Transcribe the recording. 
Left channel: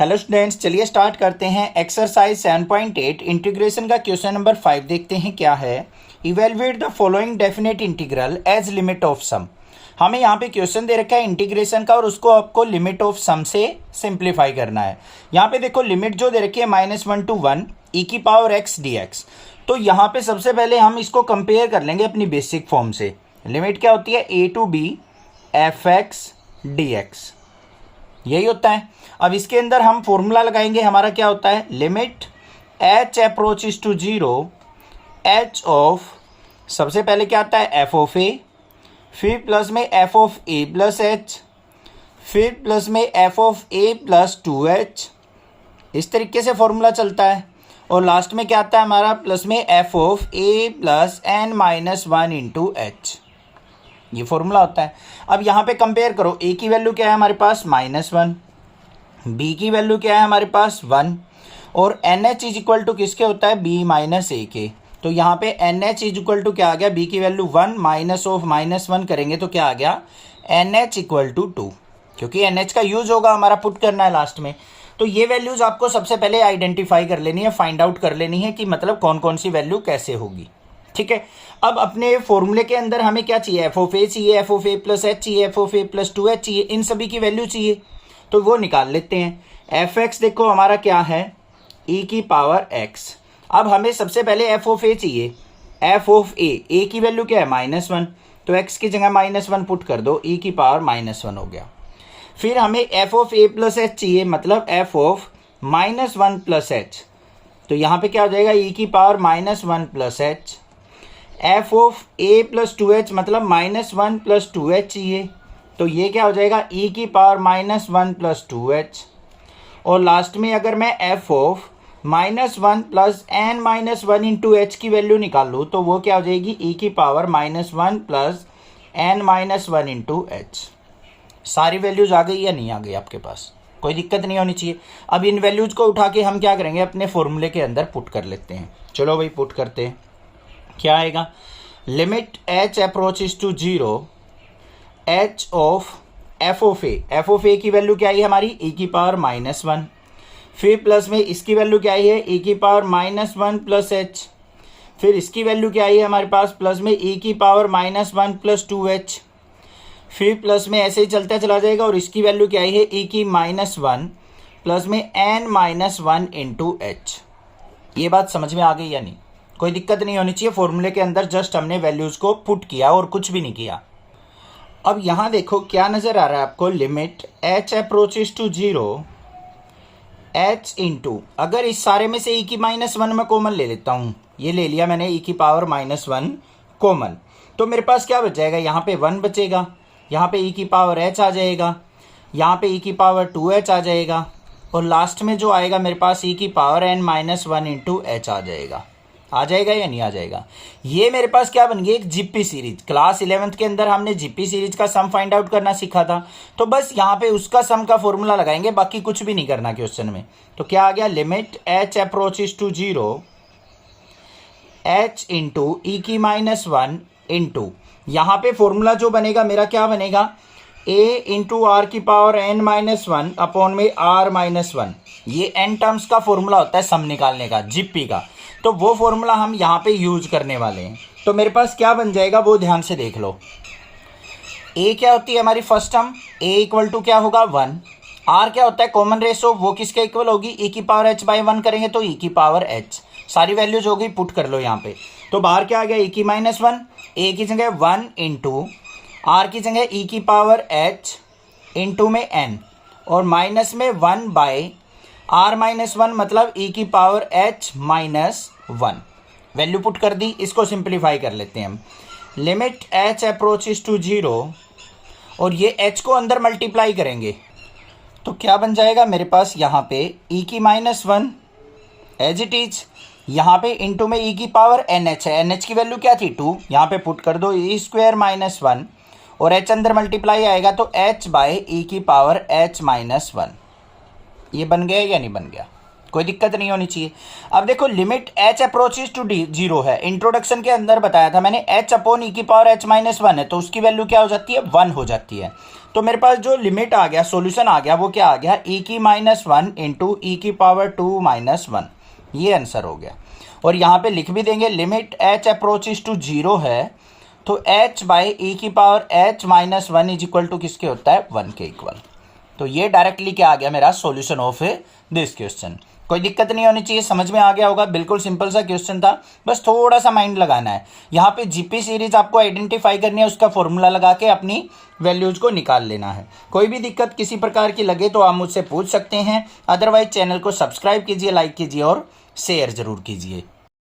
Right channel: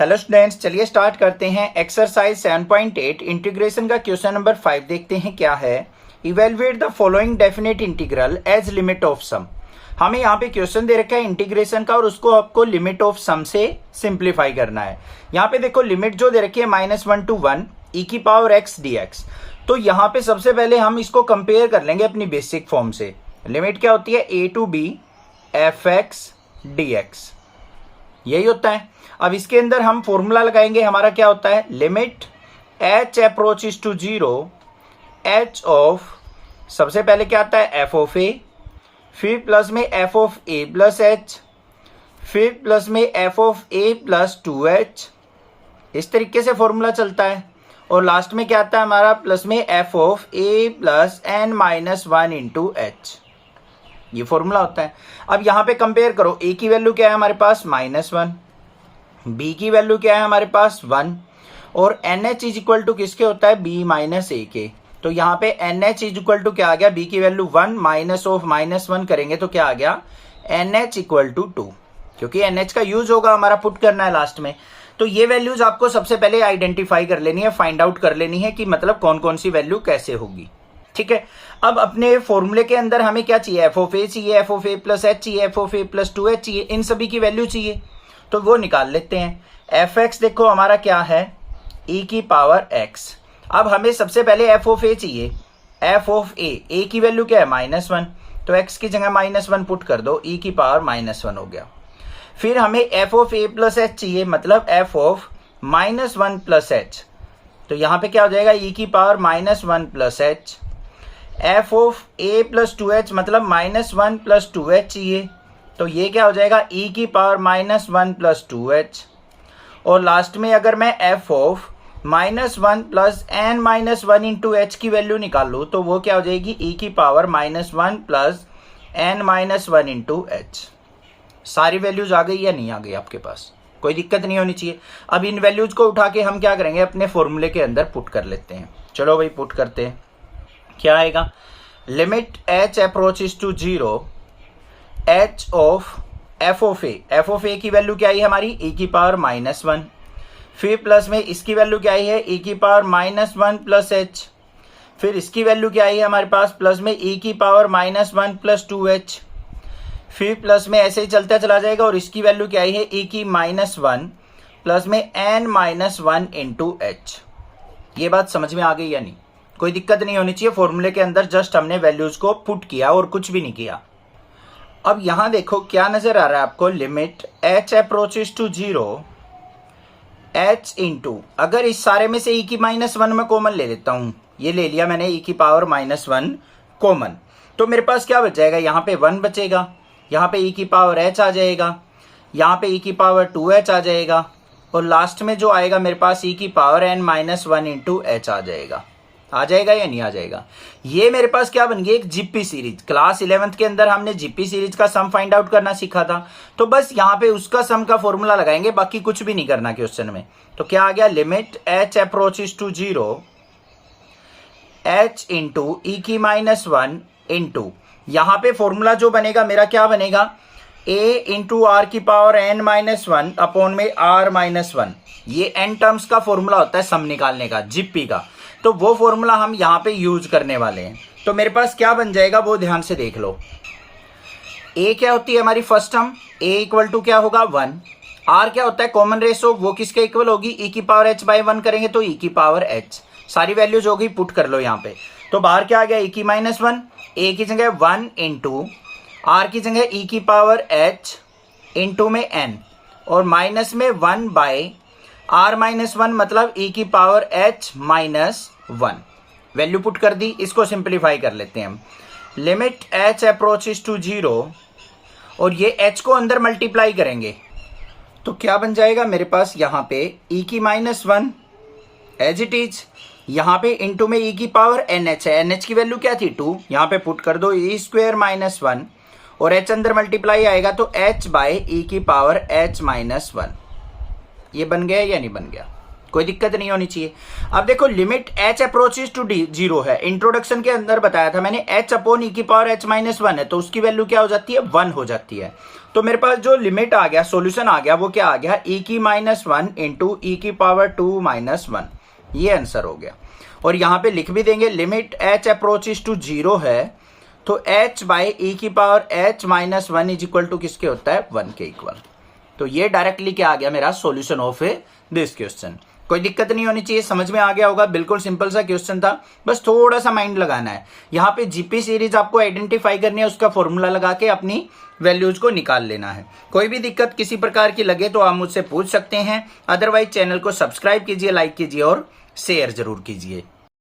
Hello students, चलिए start करते हैं। एक्सरसाइज 7.8 इंटीग्रेशन का क्वेश्चन नंबर 5 देखते हैं क्या है। Evaluate the following definite integral as limit of sum. हमें यहाँ पे क्वेश्चन दे रखा है इंटीग्रेशन का और उसको आपको लिमिट ऑफ सम से सिंप्लीफाई करना है। यहाँ पे देखो लिमिट जो दे रखी है -1 to 1 e की पावर x dx। तो यहाँ पे सबसे पहले हम इसको कंपेयर कर लेंगे अपनी बेसिक फॉर्म से। लिमिट क्या होती है? a to b f(x) dx, यही होता है। अब इसके अंदर हम फॉर्मूला लगाएंगे। हमारा क्या होता है? Limit h approaches to 0 h of, सबसे पहले क्या आता है? f ऑफ a, फिर प्लस में f of a plus h, फिर प्लस में f of a plus 2h। इस तरीके से फॉर्मूला चलता है। और लास्ट में क्या आता है हमारा? प्लस में f of a plus n-1 into h। ये फॉर्मूला होता है। अब यहाँ पे कंपेयर करो, a की वैल्यू क्या है हमारे पास? -1, b की वैल्यू क्या है हमारे पास? 1, और NH इज इक्वल टू किसके होता है? b माइनस a के। तो यहाँ पे NH इज इक्वल टू क्या आ गया? b की वैल्यू 1 माइनस ऑफ -1 करेंगे तो क्या आ गया? NH इक्वल टू 2, क्योंकि NH का यूज होगा हमारा, पुट करना है लास्ट में। तो ये वैल्यूज आपको सबसे पहले आइडेंटिफाई कर लेनी है, फाइंड आउट कर लेनी है कि मतलब कौन कौन सी वैल्यू कैसे होगी। ठीक है। अब अपने फॉर्मूले के अंदर हमें क्या चाहिए? f ऑफ a चाहिए, f of a plus h चाहिए, f of a plus 2h चाहिए, इन सभी की वैल्यू चाहिए। तो वो निकाल लेते हैं। f(x) देखो हमारा क्या है? e की पावर x। अब हमें सबसे पहले f ऑफ a चाहिए। f ऑफ a की वैल्यू क्या है? -1, तो x की जगह -1 पुट कर दो, e की पावर -1 हो गया। फिर हमें f of a plus h चाहिए, मतलब f ऑफ -1 प्लस h। तो यहाँ पे क्या हो जाएगा? e की power -1 plus h। f of a plus 2h मतलब -1 प्लस 2h चाहिए, तो ये क्या हो जाएगा? e की पावर -1 प्लस 2h। और लास्ट में अगर मैं f of -1 plus n-1 into h की वैल्यू निकाल लूँ तो वो क्या हो जाएगी? e की power -1 plus n-1 into h। सारी वैल्यूज आ गई या नहीं आ गई आपके पास? कोई दिक्कत नहीं होनी चाहिए। अब इन वैल्यूज को उठा के हम क्या करेंगे? अपने फॉर्मूले के अंदर पुट कर लेते हैं। चलो भाई पुट करते हैं। क्या आएगा? Limit h approaches to 0 h of f of a की वैल्यू क्या आई हमारी? e की पावर -1, फिर प्लस में इसकी वैल्यू क्या आई है? e की पावर -1 प्लस h, फिर इसकी वैल्यू क्या आई है हमारे पास? प्लस में e की पावर -1 प्लस 2h, फिर प्लस में ऐसे ही चलता चला जाएगा। और इसकी वैल्यू क्या आई है? e की -1 प्लस में n-1 इंटू h। ये बात समझ में आ गई या नहीं? कोई दिक्कत नहीं होनी चाहिए। फॉर्मूले के अंदर जस्ट हमने वैल्यूज को पुट किया और कुछ भी नहीं किया। अब यहां देखो क्या नजर आ रहा है आपको? Limit h approaches to 0 h into, अगर इस सारे में से e की -1 में कॉमन ले लेता हूं, ये ले लिया मैंने e की पावर -1 कॉमन, तो मेरे पास क्या बच जाएगा? यहाँ पे 1 बचेगा, यहाँ पे e की पावर h आ जाएगा, यहाँ पे e की पावर 2h आ जाएगा, और लास्ट में जो आएगा मेरे पास e की पावर n-1 इंटू h आ जाएगा। आ जाएगा या नहीं आ जाएगा? ये मेरे पास क्या बन गई? एक जीपी सीरीज। क्लास 11th के अंदर हमने जीपी सीरीज का सम फाइंड आउट करना सीखा था, तो बस यहाँ पे उसका सम का फॉर्मूला लगाएंगे, बाकी कुछ भी नहीं करना क्वेश्चन में। तो क्या आ गया? Limit h approaches to 0 h into e की -1 इंटू, यहाँ पे फॉर्मूला जो बनेगा मेरा क्या बनेगा? a इंटू आर की पावर n-1 अपॉन में r-1। ये n टर्म्स का फॉर्मूला होता है सम निकालने का, जीपी का। तो वो फॉर्मूला हम यहाँ पे यूज करने वाले हैं। तो मेरे पास क्या बन जाएगा वो ध्यान से देख लो। a क्या होती है हमारी first term? a equal to क्या होगा? 1। r क्या होता है? कॉमन रेशो, वो किसके इक्वल होगी? e की पावर h बाई 1 करेंगे तो e की पावर h। सारी वैल्यूज हो गई, पुट कर लो यहाँ पे। तो बाहर क्या आ गया? e की -1, a की जगह 1 इंटू r की जगह e की पावर h इंटू में n, और माइनस में 1 बाई r-1 मतलब e की पावर h-1। वैल्यू पुट कर दी। इसको सिंप्लीफाई कर लेते हैं हम। लिमिट h अप्रोचेस टू 0, और ये h को अंदर मल्टीप्लाई करेंगे तो क्या बन जाएगा मेरे पास? यहाँ पे e की -1 एज इट इज, यहाँ पे इंटू में e की पावर nh है। nh की वैल्यू क्या थी? 2। यहाँ पे पुट कर दो e स्क्वायर -1, और h अंदर मल्टीप्लाई आएगा तो h बाई e की पावर h-1। ये बन गया या नहीं बन गया? कोई दिक्कत नहीं होनी चाहिए। अब देखो limit h approaches to zero है, इंट्रोडक्शन के अंदर बताया था मैंने h अपॉन ई की पावर h माइनस 1 है, तो उसकी वैल्यू क्या हो जाती है 1 हो जाती है। तो मेरे पास जो लिमिट आ गया, सॉल्यूशन आ गया, वो क्या आ गया e की माइनस 1 इंटू ई की पावर 2 माइनस 1, ये आंसर हो गया। और यहां पे लिख भी देंगे limit h approaches to zero है, तो h बाई ई की power h minus 1 is equal to किसके होता है 1 के इक्वल। तो ये डायरेक्टली क्या आ गया मेरा सॉल्यूशन ऑफ दिस क्वेश्चन। कोई दिक्कत नहीं होनी चाहिए, समझ में आ गया होगा, बिल्कुल सिंपल सा क्वेश्चन था, बस थोड़ा सा माइंड लगाना है। यहाँ पे जीपी सीरीज आपको आइडेंटिफाई करनी है, उसका फॉर्मूला लगा के अपनी वैल्यूज को निकाल लेना है। कोई भी दिक्कत किसी प्रकार की लगे तो आप मुझसे पूछ सकते हैं, अदरवाइज चैनल को सब्सक्राइब कीजिए, लाइक कीजिए और शेयर जरूर कीजिए।